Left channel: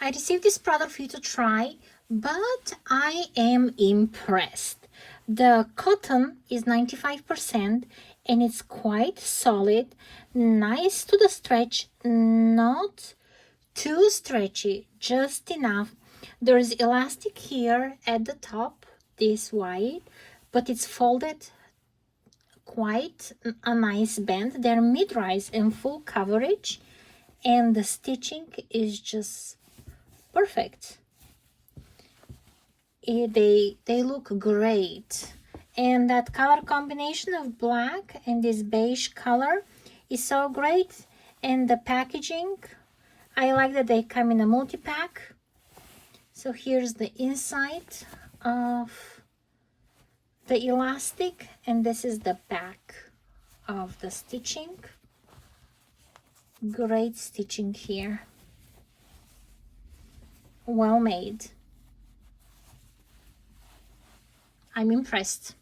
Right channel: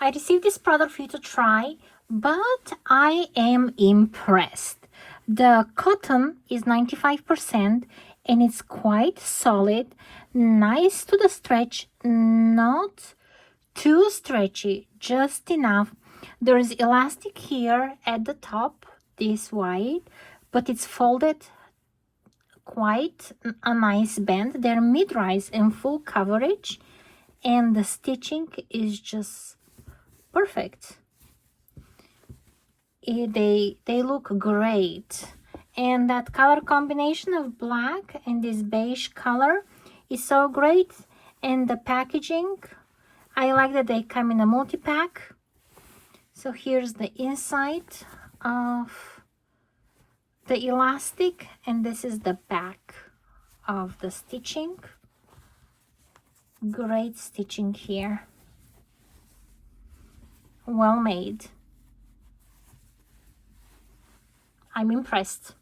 I received this product for you to try, but I am impressed. The cotton is 95% and it's quite solid, nice to the stretch, not too stretchy, just enough. There is elastic here at the top, this wide, but it's folded quite a nice band. They're mid-rise and full coverage, and the stitching is just perfect. They look great, and that color combination of black and this beige color is so great. And the packaging, I like that they come in a multi-pack. So here's the inside of the elastic, and this is the back of the stitching. Great stitching here, well made. I'm impressed.